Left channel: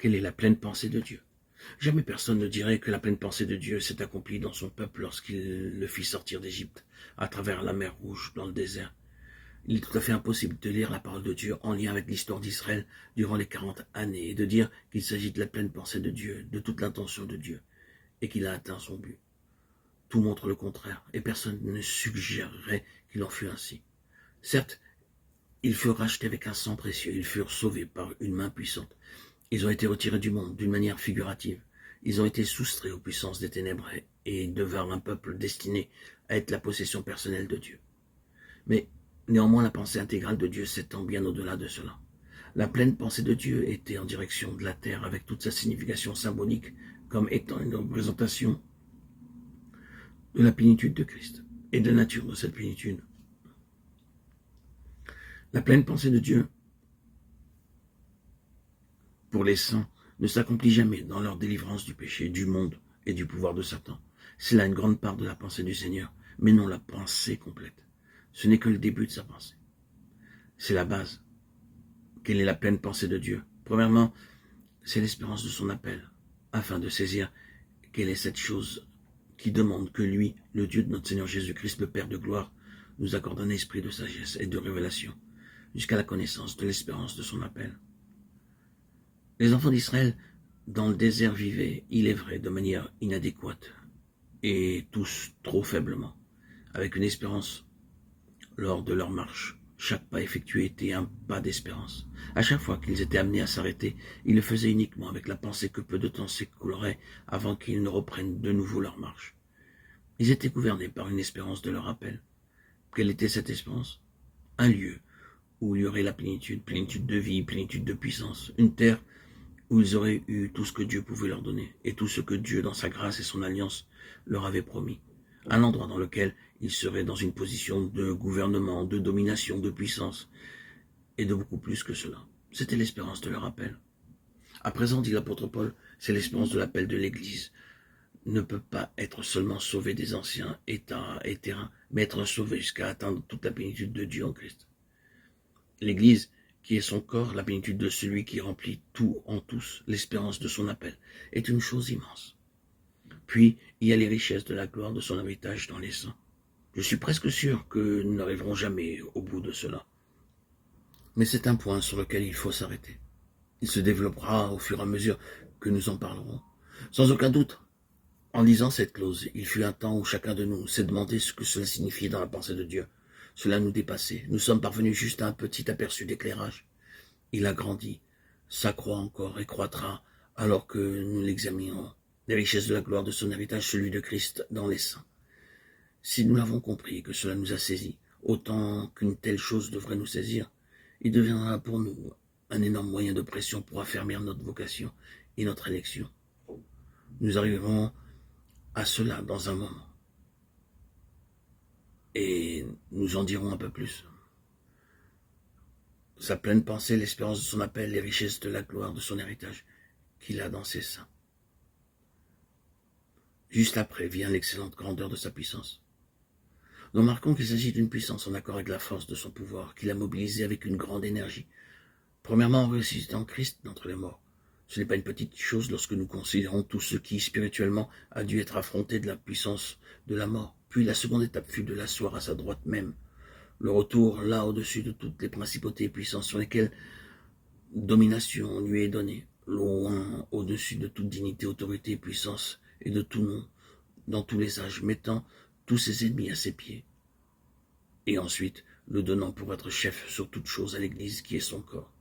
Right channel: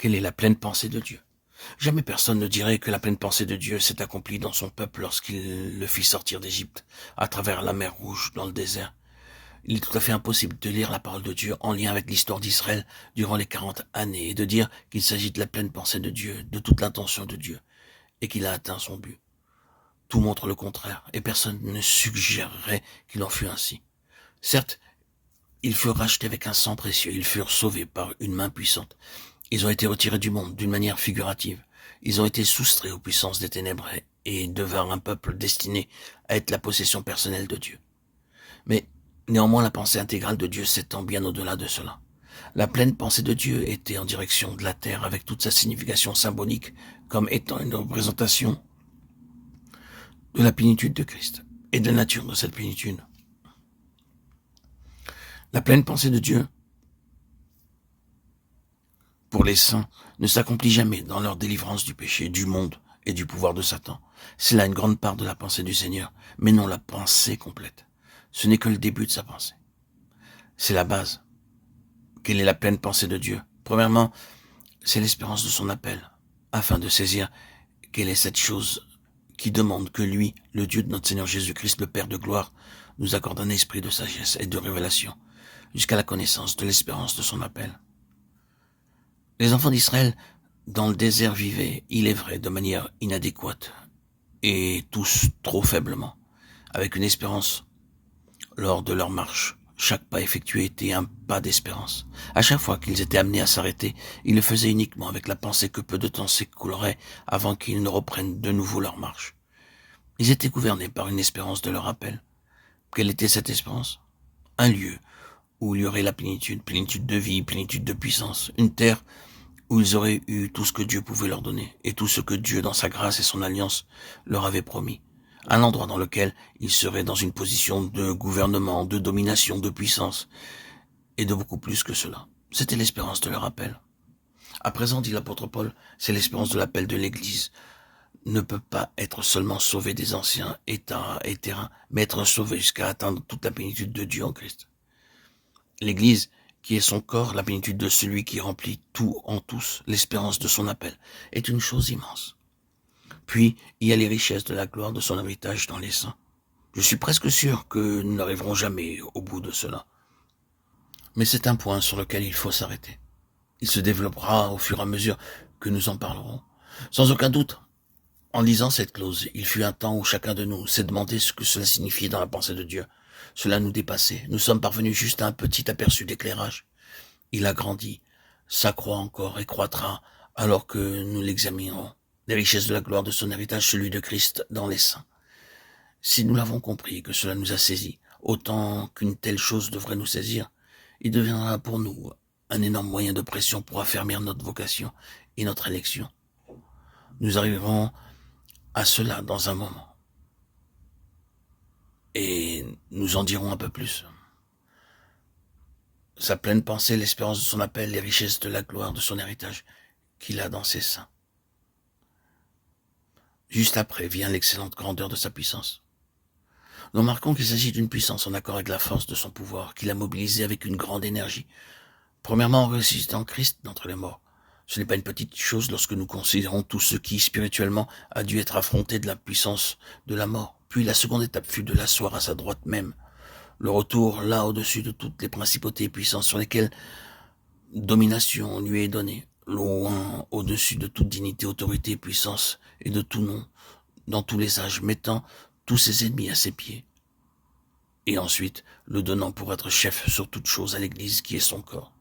Quelle est la pleine pensée de Dieu? Jamais personne ne dirait que la pleine pensée de Dieu s'est accomplie dans son peuple lorsqu'il le fit sortir d'Égypte, à travers la mer Rouge, dans le désert. Il est tout à fait impossible de lire la parole de Dieu en lien avec l'histoire d'Israël durant les 40 années et de dire qu'il s'agit de la pleine pensée de Dieu, de toute l'intention de Dieu, et qu'il a atteint son but. Tout montre le contraire, et personne ne suggérerait qu'il en fût ainsi. Certes, ils furent rachetés avec un sang précieux, ils furent sauvés par une main puissante. Ils ont été retirés du monde d'une manière figurative. Ils ont été soustraits aux puissances des ténèbres et devinrent un peuple destiné à être la possession personnelle de Dieu. Mais néanmoins, la pensée intégrale de Dieu s'étend bien au-delà de cela. La pleine pensée de Dieu était en direction de la terre avec toute sa signification symbolique comme étant une représentation de la plénitude de Christ et de la nature de cette plénitude. La pleine pensée de Dieu pour les saints ne s'accomplit jamais dans leur délivrance du péché, du monde et du pouvoir de Satan. C'est là une grande part de la pensée du Seigneur, mais non la pensée complète. Ce n'est que le début de sa pensée. C'est la base. Quelle est la pleine pensée de Dieu? Premièrement, c'est l'espérance de son appel, afin de saisir quelle est cette chose qui demande que lui, le Dieu de notre Seigneur Jésus-Christ, le Père de gloire, nous accorde un esprit de sagesse et de révélation, jusqu'à la connaissance de l'espérance de son appel. Les enfants d'Israël, dans le désert, vivaient, il est vrai, de manière inadéquate, et tous trop faiblement, avec une espérance lors de leur marche. Chaque pas effectué était un pas d'espérance. À chaque fois qu'ils étaient amenés à s'arrêter, ils le faisaient uniquement avec la pensée que peu de temps s'écoulerait avant qu'ils ne reprennent de nouveau leur marche. Ils étaient gouvernés par une espérance de leur appel. Quelle était cette espérance? Un lieu où il y aurait la plénitude, plénitude de vie, plénitude de puissance, une terre où ils auraient eu tout ce que Dieu pouvait leur donner, et tout ce que Dieu, dans sa grâce et son alliance, leur avait promis. Un endroit dans lequel ils seraient dans une position de gouvernement, de domination, de puissance, et de beaucoup plus que cela. C'était l'espérance de leur appel. À présent, dit l'apôtre Paul, c'est l'espérance de l'appel de l'Église. Ne peut pas être seulement sauvé des anciens états et terrains, mais être sauvé jusqu'à atteindre toute la plénitude de Dieu en Christ. L'Église, qui est son corps, la plénitude de celui qui remplit tout en tous, l'espérance de son appel, est une chose immense. Puis, il y a les richesses de la gloire de son héritage dans les saints. Je suis presque sûr que nous n'arriverons jamais au bout de cela. Mais c'est un point sur lequel il faut s'arrêter. Il se développera au fur et à mesure que nous en parlerons. Sans aucun doute, en lisant cette clause, il fut un temps où chacun de nous s'est demandé ce que cela signifiait dans la pensée de Dieu. Cela nous dépassait. Nous sommes parvenus juste à un petit aperçu d'éclairage. Il a grandi, s'accroît encore et croîtra alors que nous l'examinerons. Les richesses de la gloire de son héritage, celui de Christ dans les saints. Si nous l'avons compris et que cela nous a saisis, autant qu'une telle chose devrait nous saisir, il deviendra pour nous un énorme moyen de pression pour affermir notre vocation et notre élection. Nous arriverons à cela dans un moment. Et nous en dirons un peu plus. Sa pleine pensée, l'espérance de son appel, les richesses de la gloire de son héritage qu'il a dans ses seins. Juste après vient l'excellente grandeur de sa puissance. Nous remarquons qu'il s'agit d'une puissance en accord avec la force de son pouvoir, qu'il a mobilisée avec une grande énergie. Premièrement, en ressuscitant Christ d'entre les morts. Ce n'est pas une petite chose lorsque nous considérons tout ce qui, spirituellement, a dû être affronté de la puissance de la mort. Puis la seconde étape fut de l'asseoir à sa droite même. Le retour là au-dessus de toutes les principautés et puissances sur lesquelles domination lui est donnée, loin au-dessus de toute dignité, autorité, puissance et de tout nom, dans tous les âges, mettant tous ses ennemis à ses pieds. Et ensuite, le donnant pour être chef sur toute chose à l'Église qui est son corps.